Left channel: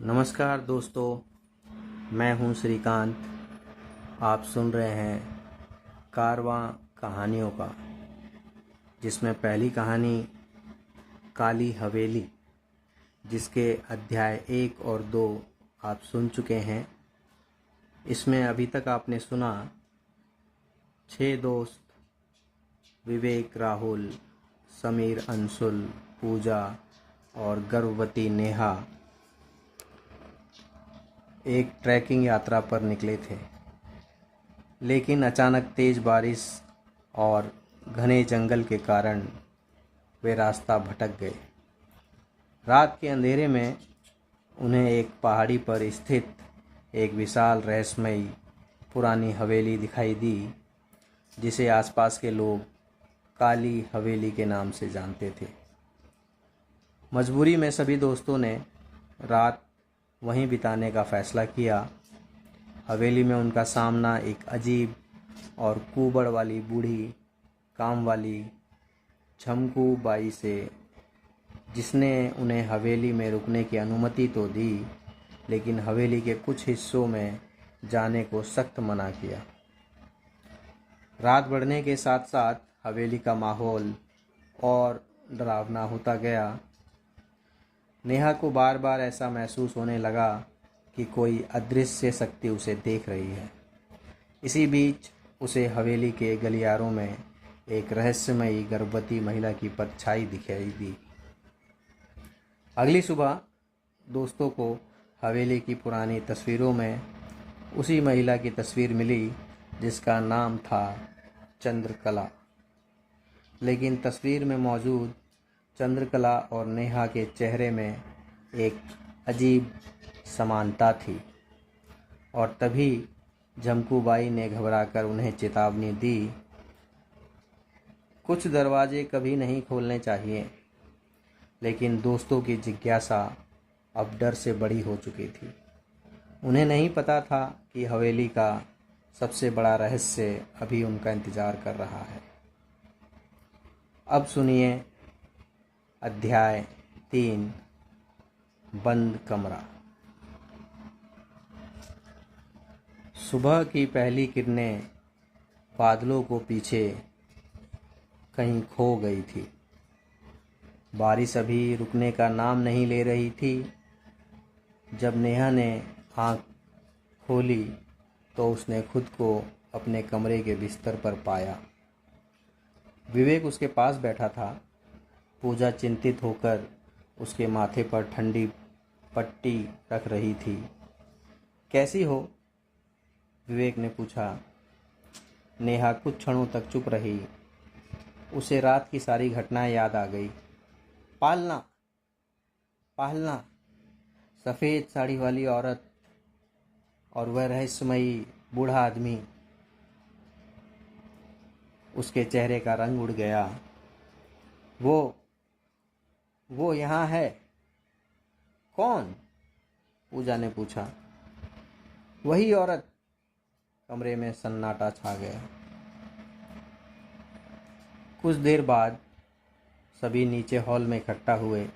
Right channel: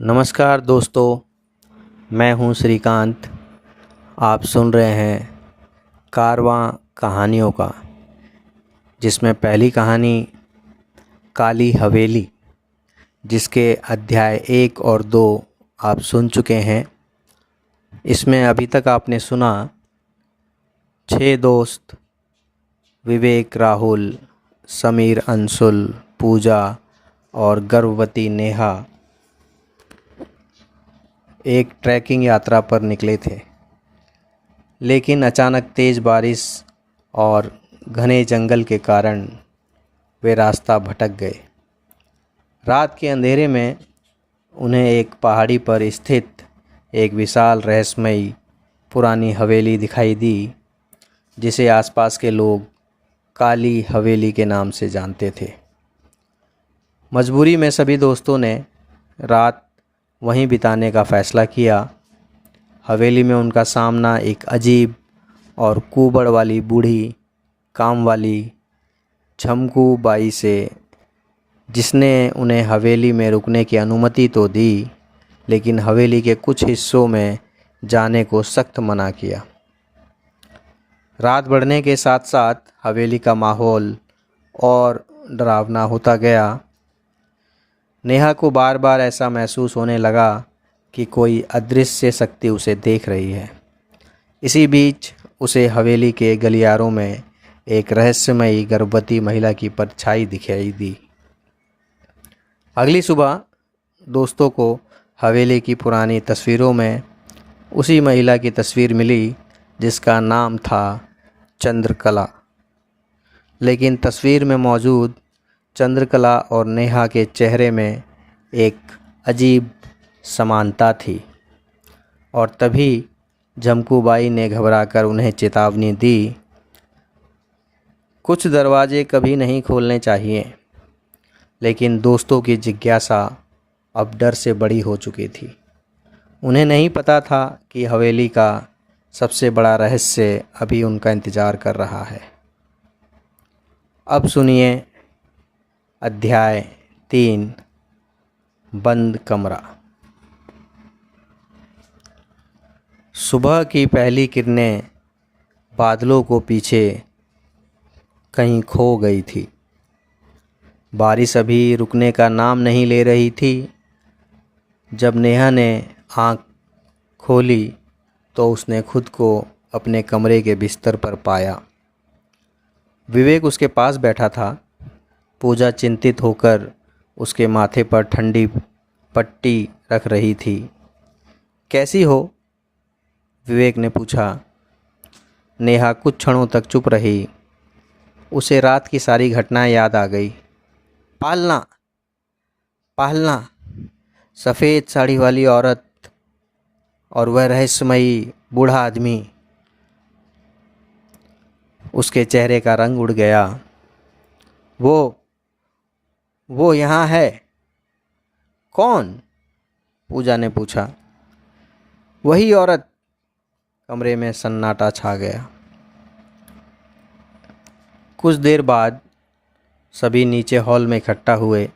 नमस्कार दोस्तों, मैं हूं श्रीकांत। आप सुन रहे हैं कारवां कहानियों का, जिसमें पहली कहानी काली हवेली, जिसके अध्याय 1 और 2 आप सुन चुके हैं। इसमें अभी तक आपने सुना 6 दोस्त विवेक, राहुल, समीर, अंशुल, पूजा और गर्भवती नेहा एक ट्रैकिंग यात्रा पर निकले थे। लेकिन अचानक तेज़ बारिश और घने जंगल के कारण वे रास्ता भटक गए। रात के अंधेरे में उन्हें एक पहाड़ी पर स्थित एक विशाल रहस्यमयी पुरानी हवेली दिखाई दी, जिसे आसपास के लोग काली हवेली के नाम से जानते थे। मजबूरी में सभी दोस्तों ने रात वहीं बिताने का फ़ैसला किया। हवेली में उनका सामना एक अजीब और कुबड़ वाली बूढ़ी काम वाली झमकू बाई से, जिसने उन्हें हवेली में रुकने की अनुमति तो दी, लेकिन हवेली के कुछ हिस्सों में जाने को सख्त मना किया। रात बढ़ने के साथ साथ हवेली का माहौल और डरावना होता गया। नेहा को बार बार ऐसा महसूस होने लगा कि कोई अदृश्य शक्ति उसे देख रही है। इसी बीच उसे हवेली के गलियारों में एक रहस्यमयी गर्भवती महिला की परछाई दिखाई दी। अगली सुबह दोस्तों को हवेली की पुरानी तस्वीरों में उसी महिला की तस्वीर मिली, जिसका नाम था चंद्रकला। लेकिन तस्वीर में मौजूद चंद्रकला और नेहा के चेहरे में एक अजीब समानता थी। और तभी झमकूबाई ने घबराकर उन्हें चेतावनी दी, कुछ दरवाजे कभी नहीं खोलने चाहिए। लेकिन दोस्तों की जिज्ञासा अब डर से बड़ी हो चुकी थी। उन्हें नहीं पता था कि हवेली का सबसे बड़ा रहस्य अभी उनका इंतज़ार कर रहा है। अब सुनिए अध्याय 3, बंद कमरा। सुबह की पहली किरणें बादलों को पीछे कहीं खो गई थी। बारिश अभी रुकने का नाम नहीं ले रही थी। जब नेहा ने आँख खोली तो उसने खुद को अपने कमरे के बिस्तर पर पाया। विवेक उसके पास बैठा था। पूजा चिंतित होकर उसके माथे पर ठंडी पट्टी रख रही थी। कैसी हो? विवेक ने पूछा। नेहा कुछ क्षणों तक चुप रही। उसे रात की सारी घटनाएं याद आ गई। पालना पालना, सफ़ेद साड़ी वाली औरत और वह रहस्यमयी बूढ़ा आदमी। उसके चेहरे का रंग उड़ गया। वो यहाँ है? कौन? पूजा ने पूछा। वही औरत। कमरे में सन्नाटा छा गया। कुछ देर बाद सभी नीचे हॉल में इकट्ठा हुए।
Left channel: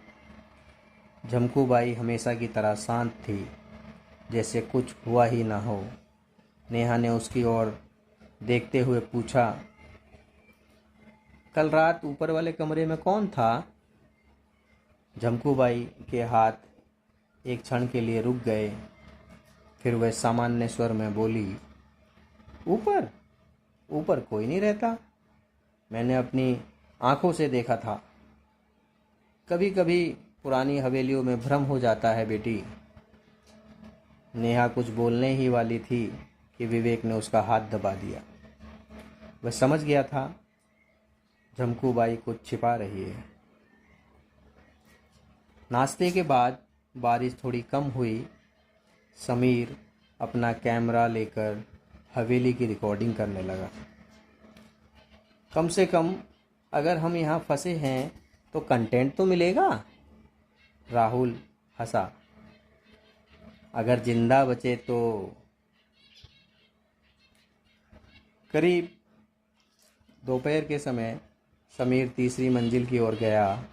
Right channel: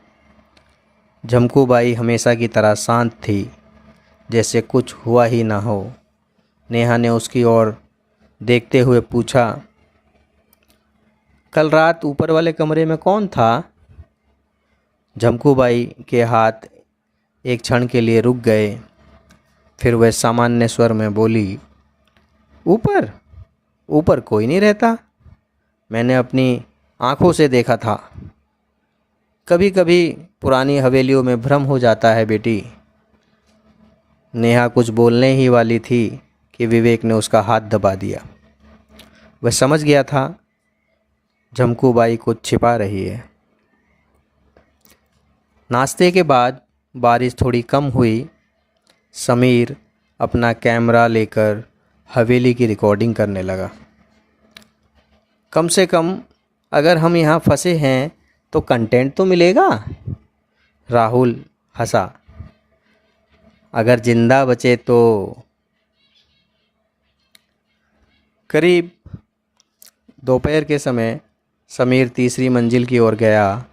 झमकूबाई हमेशा की तरह शांत थी, जैसे कुछ हुआ ही ना हो। नेहा ने उसकी ओर देखते हुए पूछा, कल रात ऊपर वाले कमरे में कौन था? झमकूबाई के हाथ एक क्षण के लिए रुक गए। फिर वह सामान्य स्वर में बोली, ऊपर ऊपर कोई नहीं रहता। मैंने अपनी आँखों से देखा था। कभी कभी पुरानी हवेलियों में भ्रम हो जाता है बेटी। नेहा कुछ बोलने ही वाली थी कि विवेक ने उसका हाथ दबा दिया। वह समझ गया था झमकूबाई कुछ छिपा रही है। नाश्ते के बाद बारिश थोड़ी कम हुई। समीर अपना कैमरा लेकर हवेली की रिकॉर्डिंग करने लगा। कम से कम अगर हम यहाँ फंसे हैं तो कंटेंट तो मिलेगा। राहुल हंसा। अगर जिंदा बचे तो। करीब दोपहर के समय समीर तीसरी मंजिल की ओर गया।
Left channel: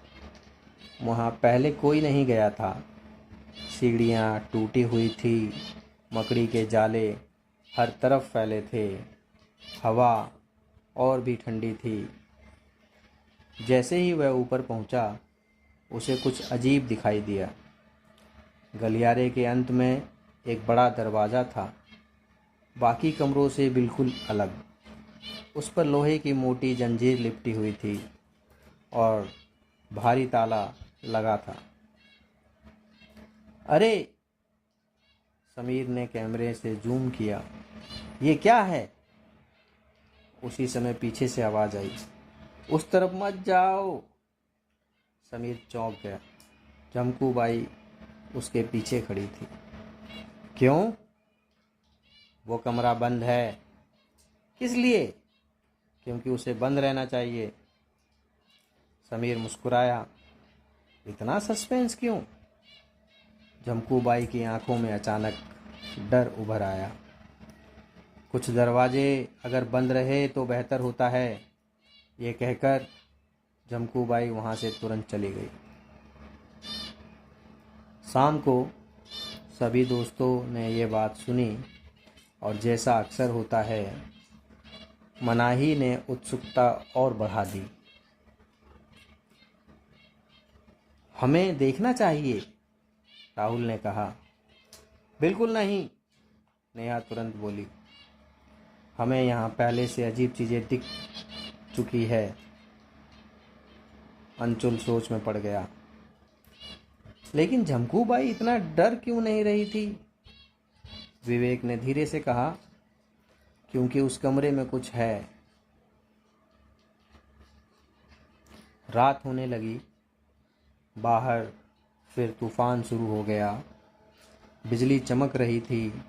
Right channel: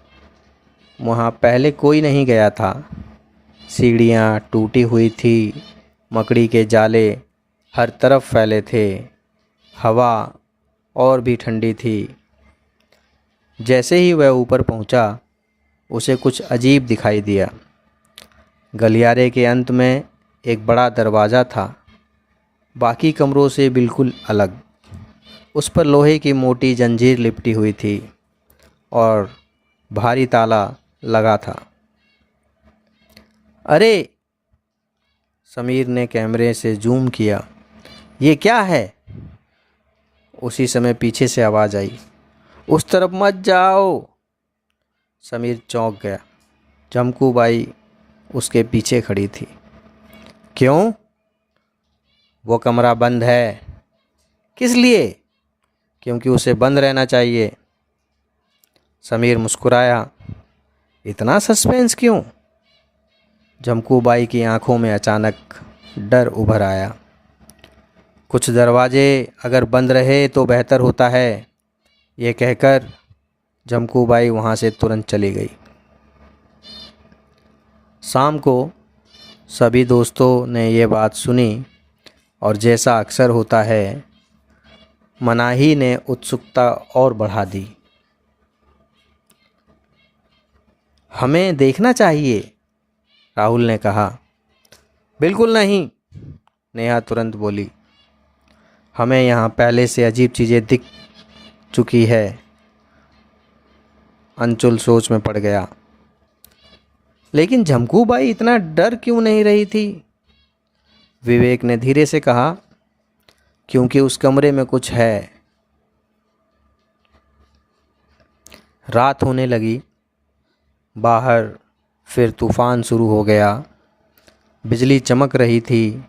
वहाँ पहले कोई नहीं गया था। सीढ़ियाँ टूटी हुई थी, मकड़ी के जाले हर तरफ फैले थे। हवा और भी ठंडी थी। जैसे ही वह ऊपर पहुंचा, उसे कुछ अजीब दिखाई दिया। गलियारे के अंत में एक बड़ा दरवाज़ा था, बाकी कमरों से बिल्कुल अलग। उस पर लोहे की मोटी जंजीर लिपटी हुई थी और भारी ताला लगा था। अरे! समीर ने कैमरे से जूम किया। ये क्या है? उसी समय पीछे से आवाज़ आई, उस तरफ मत जाओ। समीर चौंक गया। झमकू बाई उसके पीछे खड़ी थी। क्यों? वो कमरा बंद है। किस लिए? क्योंकि उसे बंद रहना चाहिए। समीर मुस्कुराया। इतना सस्पेंस क्यों? झमकू बाई की आंखों में अचानक डर उभर आया। कुछ दरवाजे अगर बंद रहे तो बेहतर होता है, ये कहकर झमकू बाई वहाँ से तुरंत चली गई। शाम को सभी दोस्तों ने ये बात सुनी और जैसा अक्सर होता है, मनाही ने उत्सुकता और बढ़ा दी। हमें देखना चाहिए, राहुल ने कहा। बिल्कुल नहीं, नेहा तुरंत बोली। हमें यहाँ पहले से अजीब चीज़ें दिख चुकी है। अंशुल सोच में पड़ गया। लेकिन झमकू बाई इतना डर क्यों नहीं रही थी? विवेक ने धीरे से कहा, क्योंकि उस कमरे में कुछ है। रात होने लगी। बाहर फिर तूफान शुरू हो गया। बिजली चमक रही थी।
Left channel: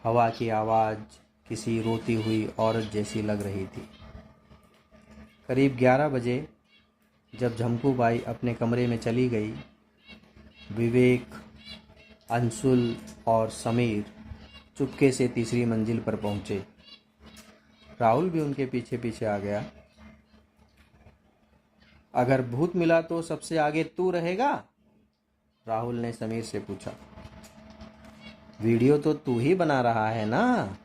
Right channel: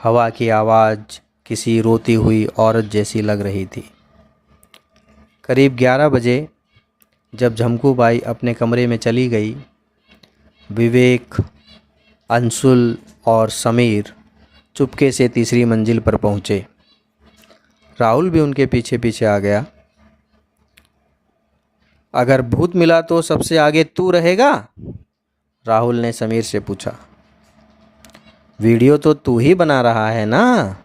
हवा की आवाज़ किसी रोती हुई औरत जैसी लग रही थी। करीब 11 बजे जब झमकू बाई अपने कमरे में चली गई, विवेक, अंशुल और समीर चुपके से तीसरी मंजिल पर पहुँचे। राहुल भी उनके पीछे पीछे आ गया। अगर भूत मिला तो सबसे आगे तू रहेगा? राहुल ने समीर से पूछा। वीडियो तो तू ही बना रहा है ना?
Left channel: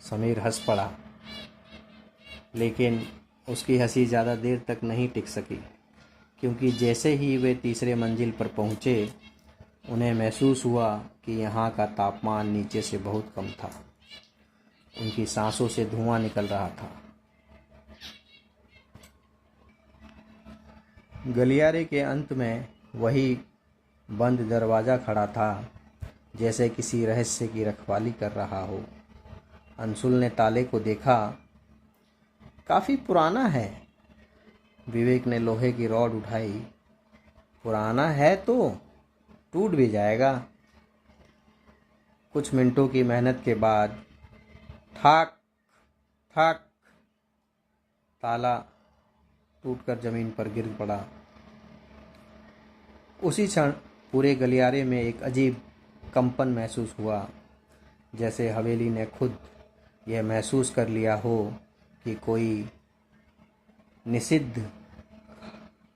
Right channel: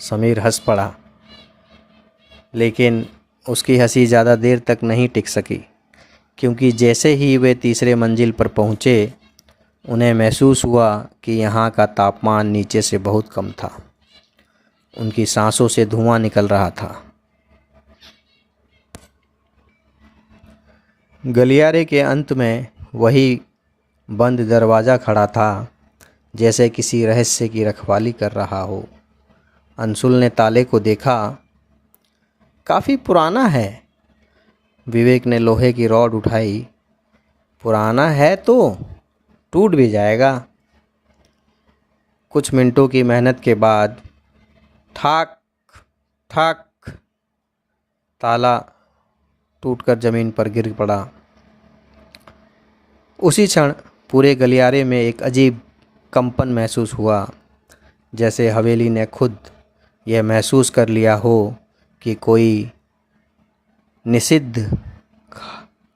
समीर हंस पड़ा, लेकिन उसकी हंसी ज़्यादा देर तक नहीं टिक सकी, क्योंकि जैसे ही वे तीसरे मंजिल पर पहुँचे, उन्हें महसूस हुआ कि यहाँ का तापमान नीचे से बहुत कम था। उनकी सांसों से धुआं निकल रहा था। गलियारे के अंत में वही बंद दरवाज़ा खड़ा था, जैसे किसी रहस्य की रखवाली कर रहा हो। अंशुल ने ताले को देखा। काफ़ी पुराना है। विवेक ने लोहे की रॉड उठाई। पुराना है तो टूट भी जाएगा। कुछ मिनटों की मेहनत के बाद ठाक ठाक ताला टूटकर ज़मीन पर गिर पड़ा। उसी क्षण पूरे गलियारे में एक अजीब कंपन महसूस हुआ, जैसे हवेली ने खुद यह महसूस कर लिया हो कि कोई निषिद्ध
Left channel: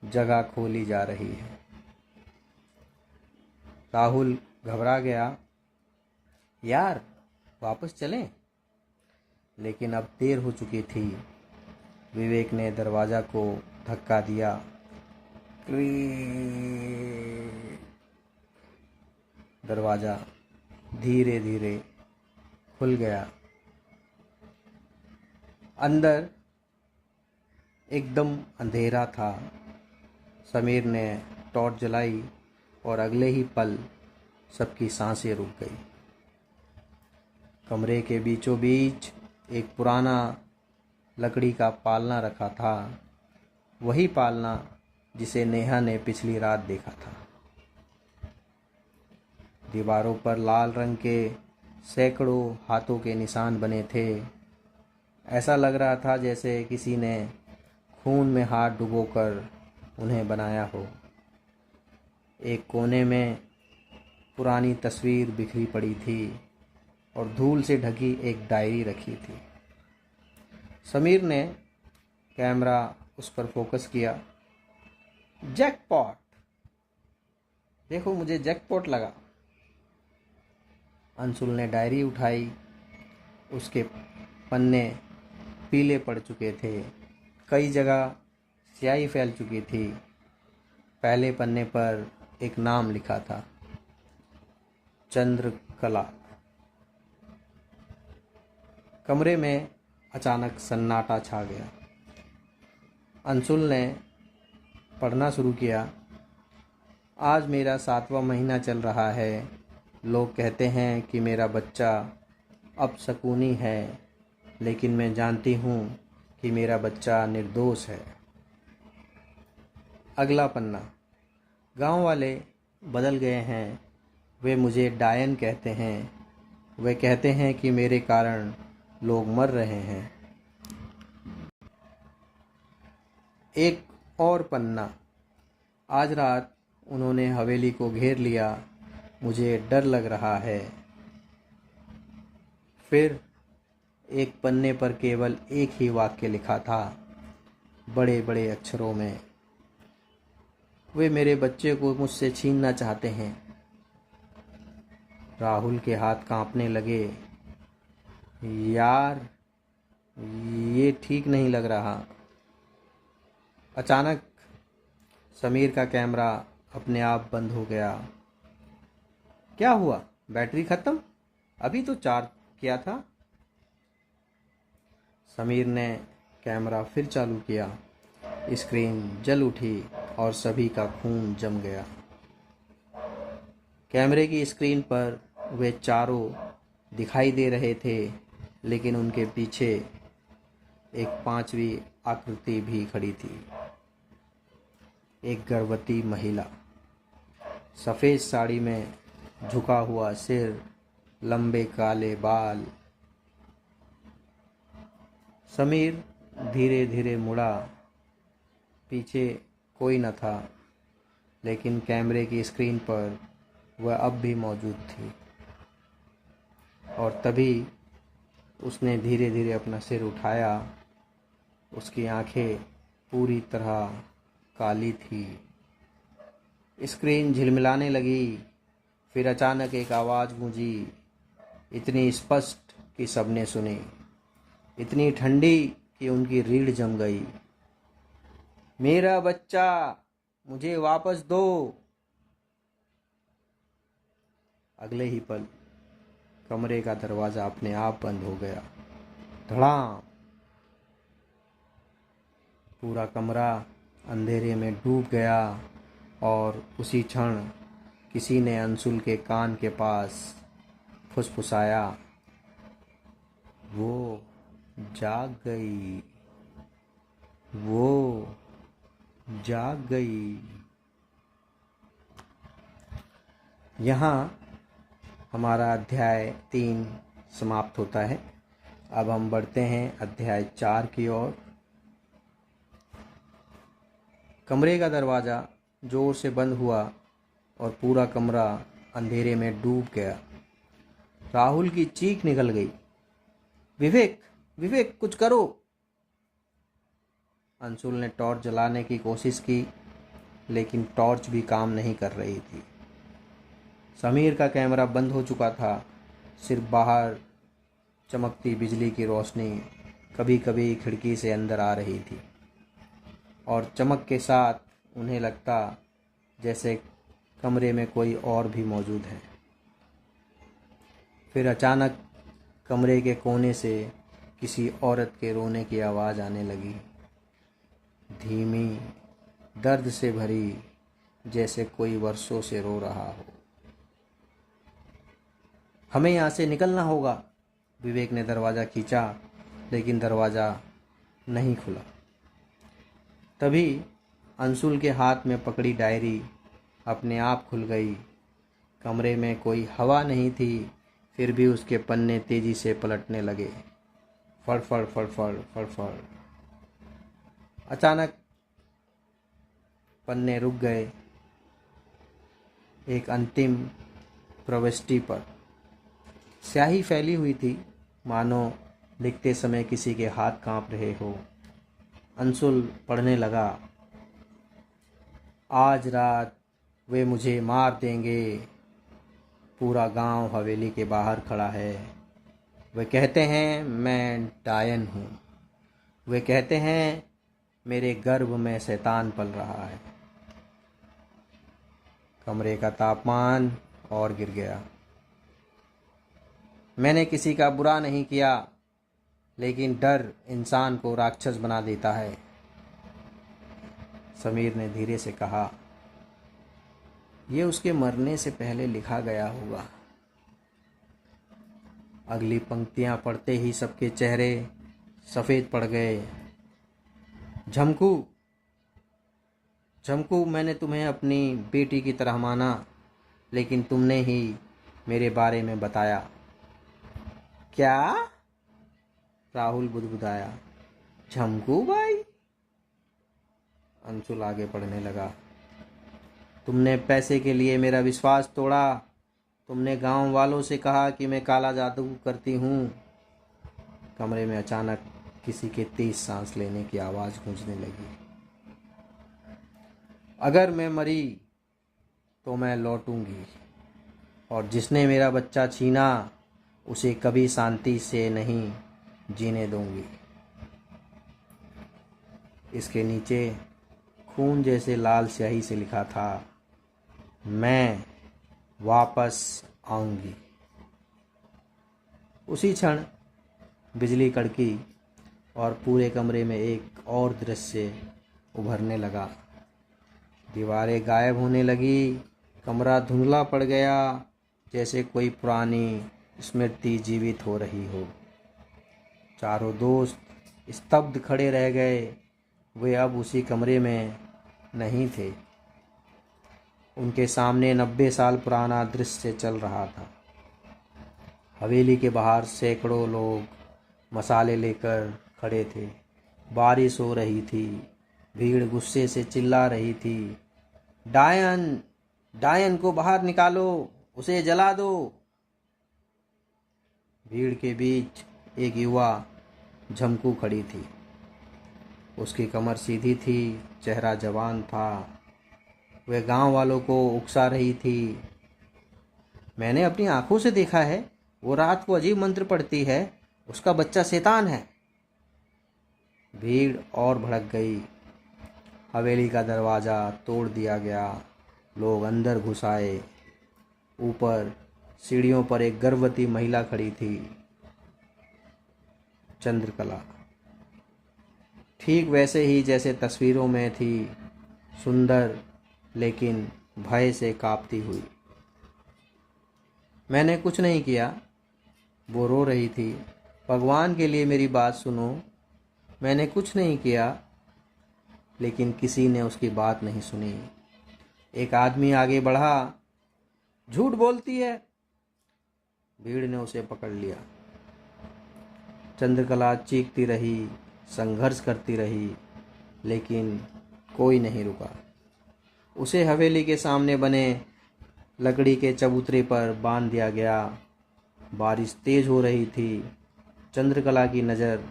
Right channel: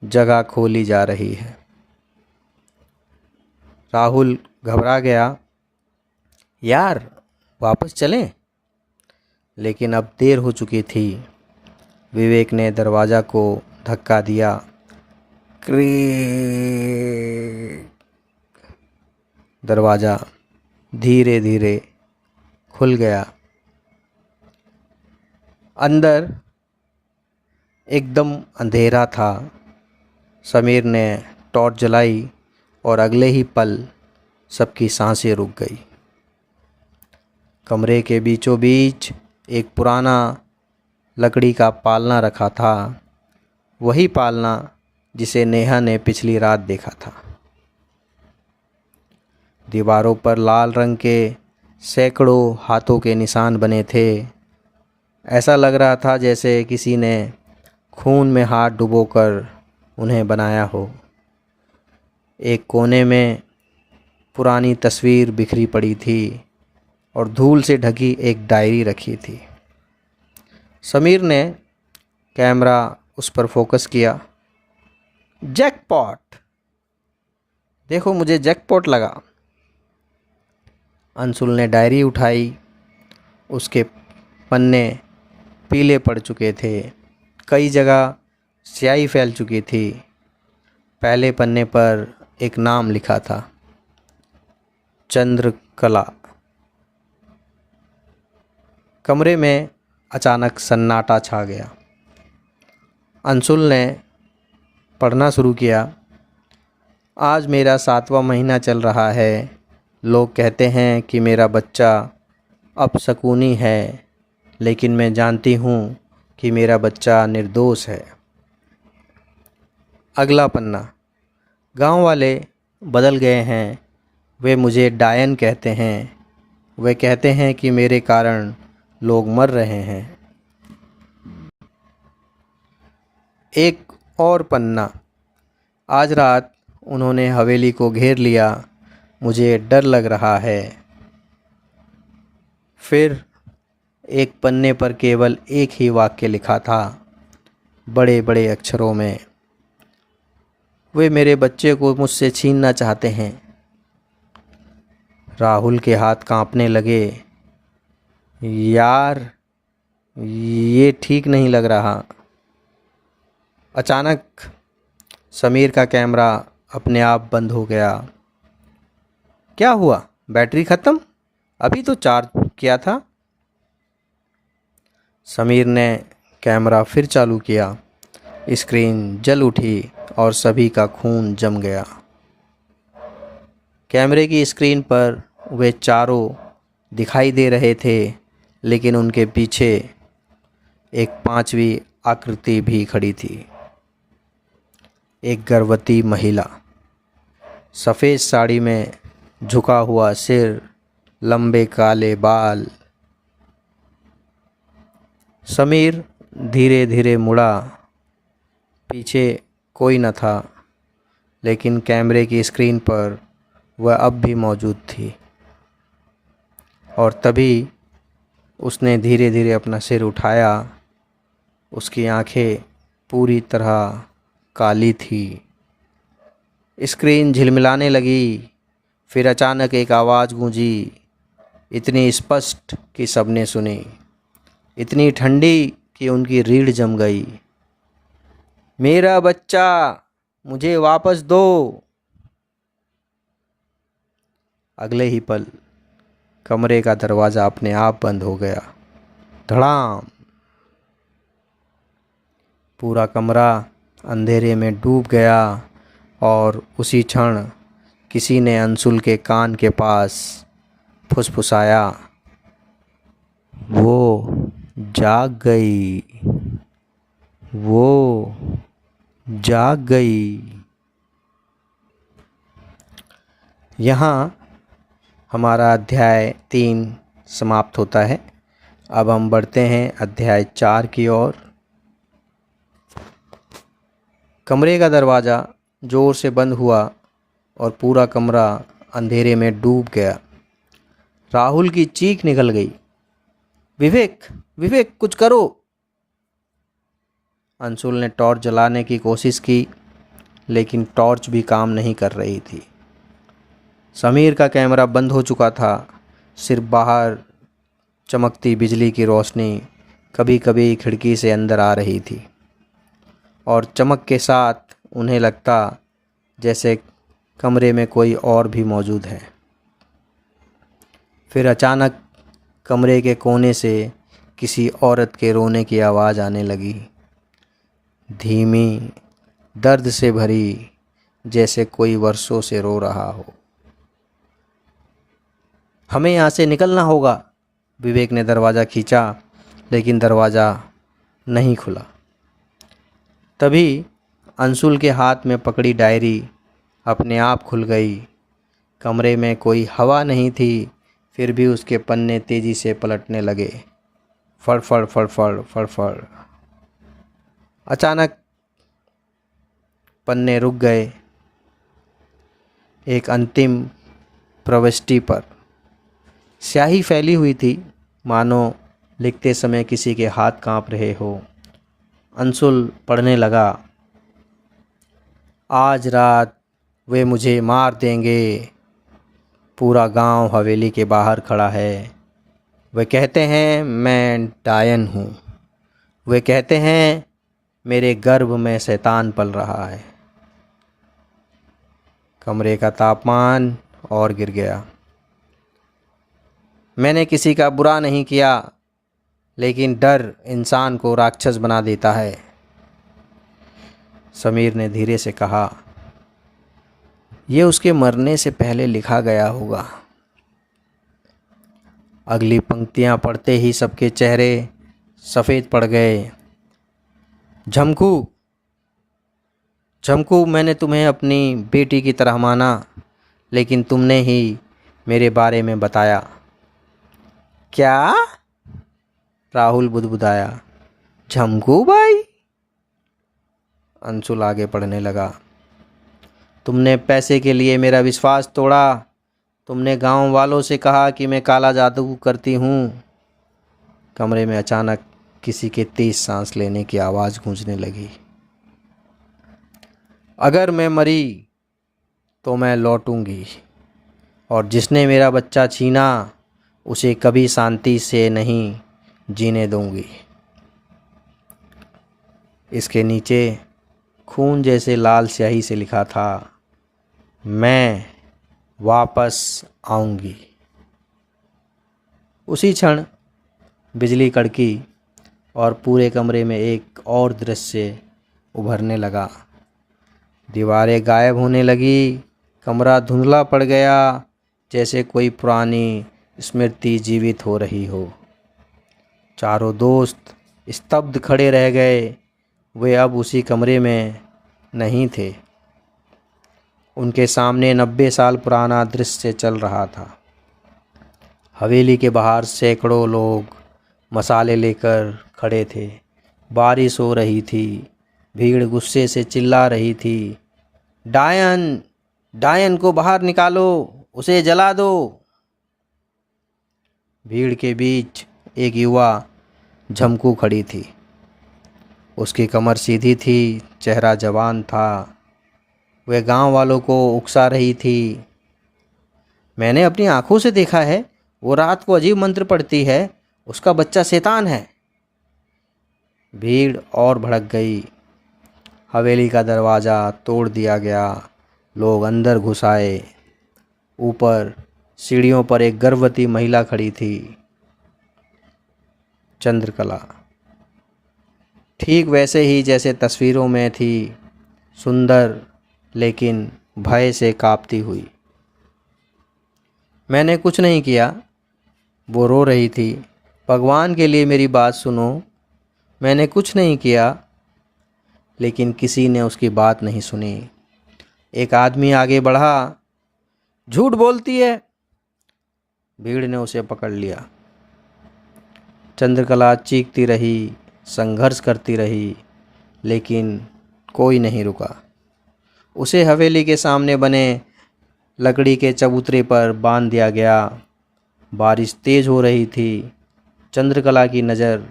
जगह खोली जा रही है। राहुल घबरा गया। यार, वापस चलें? लेकिन अब देर हो चुकी थी। विवेक ने दरवाज़ा को धक्का दिया। दरवाज़ा धीरे धीरे खुल गया। अंदर एकदम अंधेरा था। समीर ने टॉर्च जलाई और अगले ही पल सबकी सांसें रुक गई। कमरे के बीचों बीच एक पुराना लकड़ी का पालना रखा था, वही पालना जिसे नेहा ने पिछली रात देखा था। दीवारों पर लाल रंग के सैकड़ों हाथों के निशान बने थे। ऐसा लग रहा था जैसे किसी ने खून में हाथ डुबोकर उन्हें बनाया हो। एक कोने में पुरानी तस्वीर बिखरी पड़ी थी और धूल से ढकी एक डायरी रखी थी। समीर ने कैमरा उस पर फोकस किया। जैकपॉट! देखो मुझे जैकपॉट लगा। अंशुल ने डायरी उठाई। उसके पन्ने पीले पड़ चुके थे, कई जगह स्याही फैल चुकी थी। पहले पन्ने पर एक नाम लिखा था, चंद्रकला। कमरे में अचानक सन्नाटा छा गया। अंशुल ने पढ़ना शुरू किया। आज मेरा 7वां महीना चल रहा है। लोग कहते हैं कि मेरा बच्चा अपशकुनी है, लेकिन मैं जानती हूँ कि मेरा बच्चा निर्दोष है। अगला पन्ना। गांव वाले बदल गए हैं। वे मुझे डायन कहते हैं। वे कहते हैं कि मेरे कारण लोग मर रहे हैं। एक और पन्ना। आज रात उन्होंने हवेली को घेर लिया। मुझे डर लग रहा है। फिर एक पन्ने पर केवल एक ही वाक्य लिखा था, बड़े बड़े अक्षरों में, वे मेरे बच्चे को मुझसे छीनना चाहते हैं। राहुल के हाथ कांपने लगे। यार, ये ठीक नहीं लग रहा। अचानक समीर का कैमरा अपने आप बंद हो गया। क्या हुआ? बैटरी ख़त्म? अभी तो चार्ज किया था। समीर ने कैमरा फिर चालू किया। स्क्रीन जल उठी और सभी का खून जम गया। कैमरे की स्क्रीन पर वे चारों दिखाई दे रहे थे, लेकिन उनके पीछे एक 5वीं आकृति भी खड़ी थी। एक गर्भवती महिला, सफ़ेद साड़ी में, झुका हुआ सिर, लंबे काले बाल। समीर धीरे धीरे मुड़ा। पीछे कोई न था, लेकिन कैमरे की स्क्रीन पर वह अब भी मौजूद थी। और तभी उसने धीरे धीरे अपना सिर उठाया। उसकी आंखें पूरी तरह काली थी। स्क्रीन झिलमिलाने लगी। फिर अचानक एक आवाज़ गूंजी, इतनी स्पष्ट कि सबने सुनी, इतनी ठंडी कि उनकी रीढ़ जम गई। मेरा बच्चा, मुझे वापस दो। अगले ही पल कमरे का दरवाज़ा अपने आप बंद हो गया। धड़ाम। पूरा कमरा अंधेरे में डूब गया और उसी क्षण किसी ने अंशुल के कान के पास फुसफुसाया, वो जाग गई, वो जाग गई। यहाँ हमारा अध्याय 3 समाप्त होता है। अब हम बढ़ते हैं अध्याय 4 की ओर। कमरे का दरवाज़ा ज़ोर से बंद हुआ और पूरा कमरा अंधेरे में डूब गया। राहुल की चीख निकल गई, विवेक, विवेक, कुछ करो। अंशुल ने टॉर्च जलाने की कोशिश की, लेकिन टॉर्च भी काम नहीं कर रही थी। समीर का कैमरा बंद हो चुका था। सिर्फ बाहर चमकती बिजली की रोशनी कभी कभी खिड़की से अंदर आ रही थी, और चमक के साथ उन्हें लगता जैसे कमरे में कोई और भी मौजूद है। फिर अचानक कमरे के कोने से किसी औरत के रोने की आवाज़ आने लगी, धीमी, दर्द से भरी, जैसे कोई वर्षों से रो रहा हो। हमें यहाँ से निकलना होगा। विवेक ने दरवाज़ा खींचा, लेकिन दरवाज़ा नहीं खुला। तभी अंशुल के हाथ में पकड़ी डायरी अपने आप खुल गई। कमरे में कोई हवा नहीं थी, फिर भी उसके पन्ने तेज़ी से पलटने लगे, फड़फड़ फड़फड़ फड़फड़। अचानक पन्ने रुक गए। एक अंतिम प्रविष्टि पर स्याही फैली हुई थी, मानो लिखते समय किसी के हाथ कांप रहे हो। अंशुल पढ़ने लगा, आज रात वे मुझे मार देंगे। पूरा गांव हवेली के बाहर खड़ा है। वे कहते हैं मैं डायन हूँ। वे कहते हैं मेरे गर्भ में शैतान पल रहा है। कमरे का तापमान और गिर गया। मैंने किसी का बुरा नहीं किया, लेकिन डर इंसान को राक्षस बना देता है। समीर ने धीरे से कहा, यह उसके मरने से पहले लिखा गया होगा। अगली पंक्तियां पढ़ते ही सबके चेहरे सफ़ेद पड़ गए। झमकू, झमकू, मैंने तुम्हें अपनी बेटी की तरह माना, लेकिन तुमने ही मेरे बारे में बताया। क्या? राहुल बुदबुदाया। झमकू भाई? अंशुल आगे पढ़ने लगा। तुमने पैसे के लिए मेरा विश्वास तोड़ा। तुमने गांव वालों से कहा कि मैं काला जादू करती हूँ। कमरे में अचानक किसी के तेज सांस लेने की आवाज़ गूंजने लगी। अगर मैं मरी तो मैं लौटूंगी, और जिसने मेरा बच्चा छीना उसे कभी शांति से नहीं जीने दूंगी। इसके नीचे खून जैसे लाल स्याही से लिखा था, मैं वापस आऊंगी। उसी क्षण बिजली कड़की और पूरे कमरे में एक और दृश्य उभरने लगा। दीवारें गायब होने लगी। कमरा धुंधला पड़ गया, जैसे कोई पुरानी स्मृति जीवित हो रही हो। चारों दोस्त स्तब्ध खड़े रह गए। वे अब उसी कमरे में नहीं थे। उनके सामने 90 साल पुराना दृश्य चल रहा था। हवेली के बाहर सैकड़ों लोग मसाले लेकर खड़े थे। बारिश हो रही थी। भीड़ गुस्से से चिल्ला रही थी, डायन, डायन को बाहर निकालो, उसे जला दो। भीड़ के बीच एक युवा झमकू खड़ी थी। उसकी कमर सीधी थी, चेहरा जवान था। वह गांव वालों को उकसा रही थी। मैंने अपनी आंखों से देखा है, वो रात को अजीब मंत्र पढ़ती है। उसका बच्चा शैतान है। भीड़ और भड़क गई। हवेली का दरवाज़ा तोड़ दिया गया। लोग अंदर घुस आए। ऊपर सीढ़ियों पर एक गर्भवती महिला खड़ी थी, चंद्रकला, ठीक वैसे ही जैसे तस्वीरों में थी, सुंदर लेकिन भय से कांपती हुई। मैंने कुछ नहीं किया, वो रो रही थी। भगवान के लिए मेरी बात सुनो। मैंने कुछ नहीं किया। लेकिन किसी ने उसकी बात नहीं सुनी। एक आदमी आगे बढ़ा, झूठ बोलती है। भीड़ ने उसे पकड़ लिया। चंद्रकला चीखती रही, संघर्ष करती रही, लेकिन कोई नहीं रुका। उसे हवेली के सामने बने लकड़ी के चबूतरे पर बांध दिया गया। बारिश तेज हो रही थी। चंद्रकला की नज़र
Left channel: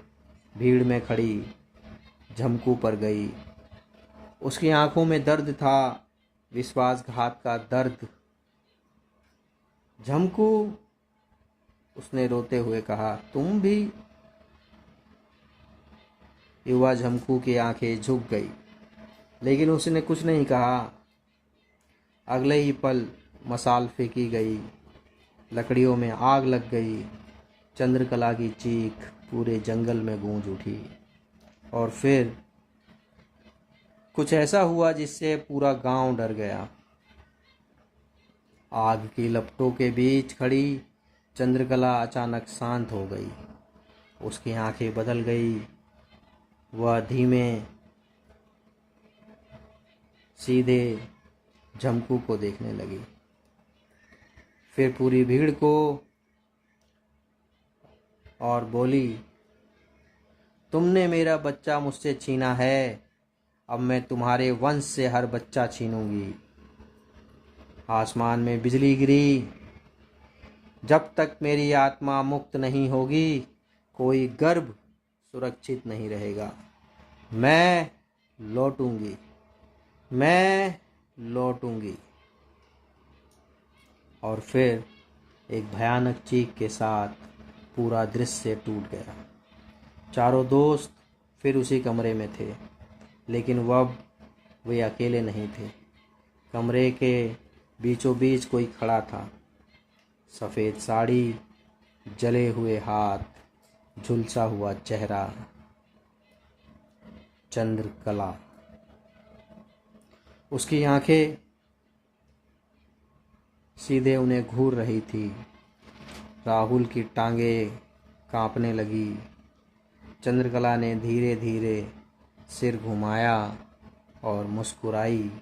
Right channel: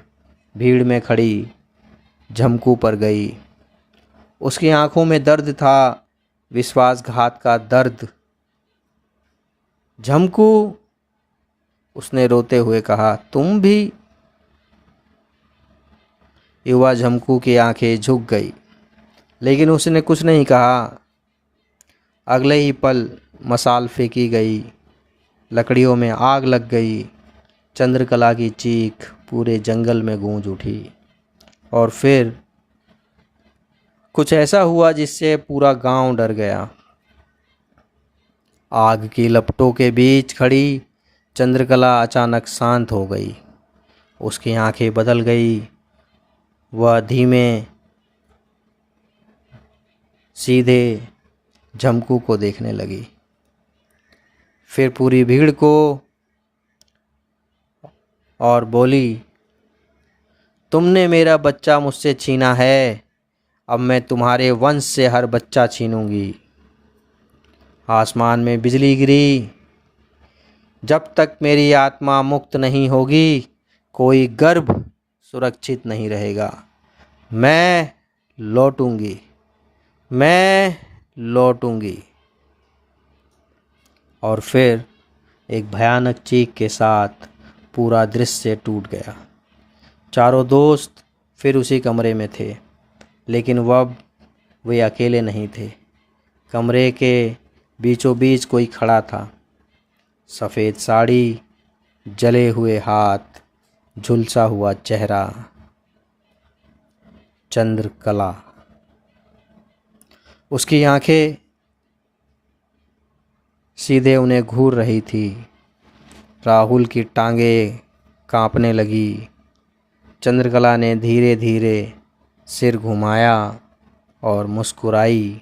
भीड़ में खड़ी झमकू पर गई। उसकी आंखों में दर्द था, विश्वासघात का दर्द। झमकू, उसने रोते हुए कहा, तुम भी? युवा झमकू की आंखें झुक गई, लेकिन उसने कुछ नहीं कहा। अगले ही पल मसाल फेंकी गई। लकड़ियों में आग लग गई। चंद्रकला की चीख पूरे जंगल में गूंज उठी। और फिर कुछ ऐसा हुआ जिससे पूरा गांव डर गया। आग की लपटों के बीच खड़ी चंद्रकला अचानक शांत हो गई। उसकी आंखें बदल गई। वह धीमे सीधे झमकू को देखने लगी, फिर पूरी भीड़ को, और बोली, तुमने मेरा बच्चा मुझसे छीना है, अब मैं तुम्हारे वंश से हर बच्चा छीनूंगी। आसमान में बिजली गिरी। जब तक मेरी आत्मा मुक्त नहीं होगी, कोई गर्भ सुरक्षित नहीं रहेगा। मैं लौटूंगी, मैं लौटूंगी। और फिर एक भयानक चीख के साथ पूरा दृश्य टूट गया। चारों दोस्त फिर उसी कमरे में थे, लेकिन अब वे अकेले नहीं थे। कमरे के बीचों बीच कोई खड़ा था। सफ़ेद साड़ी, जले हुए हाथ, झुलसा हुआ चेहरा, चंद्रकला। उसकी आंखें सीधे उन्हें घूर रही थी। राहुल की टांगें कांपने लगी। चंद्रकला ने धीरे धीरे सिर घुमाया और मुस्कुराई।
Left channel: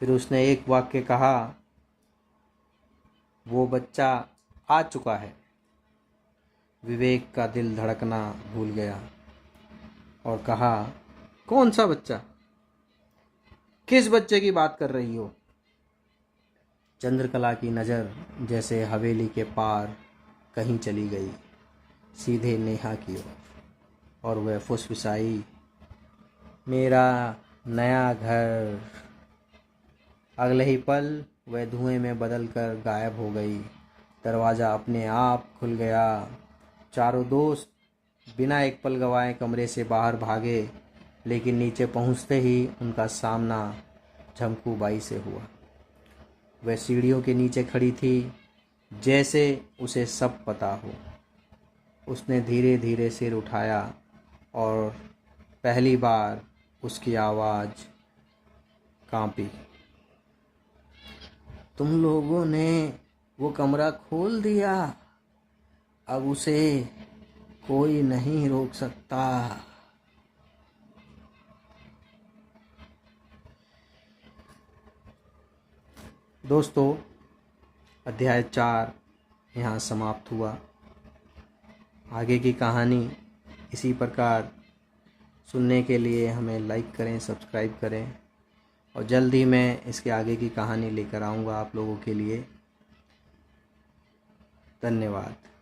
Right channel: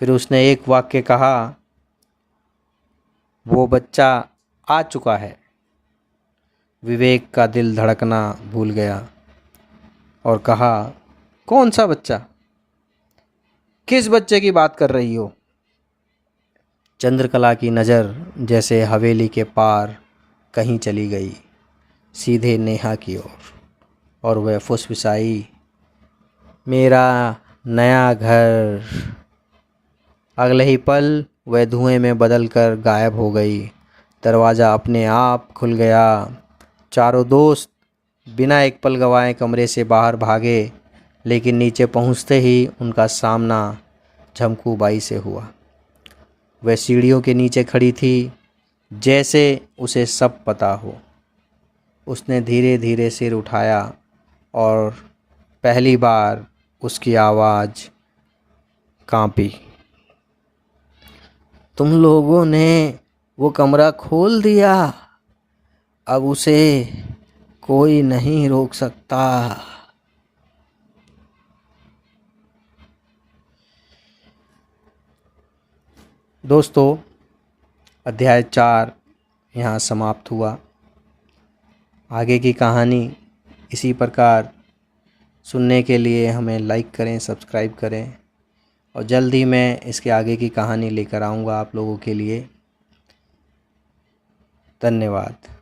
फिर उसने एक वाक्य कहा, वो बच्चा आ चुका है। विवेक का दिल धड़कना भूल गया और कहा, कौन सा बच्चा? किस बच्चे की बात कर रही हो? चंद्रकला की नज़र जैसे हवेली के पार कहीं चली गई, सीधे नेहा की ओर, और वह फुसफुसाई, मेरा नया घर। अगले ही पल वह धुएं में बदलकर गायब हो गई। दरवाज़ा अपने आप खुल गया। चारों दोस्त बिना एक पल गंवाए कमरे से बाहर भागे, लेकिन नीचे पहुंचते ही उनका सामना झमकू बाई से हुआ। वह सीढ़ियों के नीचे खड़ी थी, जैसे उसे सब पता हो। उसने धीरे धीरे सिर उठाया और पहली बार उसकी आवाज़ कांपी, तुम लोगों ने वो कमरा खोल दिया। अब उसे कोई नहीं रोक सकता। दोस्तों, अध्याय 4 यहाँ समाप्त हुआ। आगे की कहानी इसी प्रकार सुनने के लिए हमें लाइक करें, सब्सक्राइब करें, और जल्द ही मैं इसके आगे की कहानी लेकर आऊँगा आप लोगों के लिए। धन्यवाद।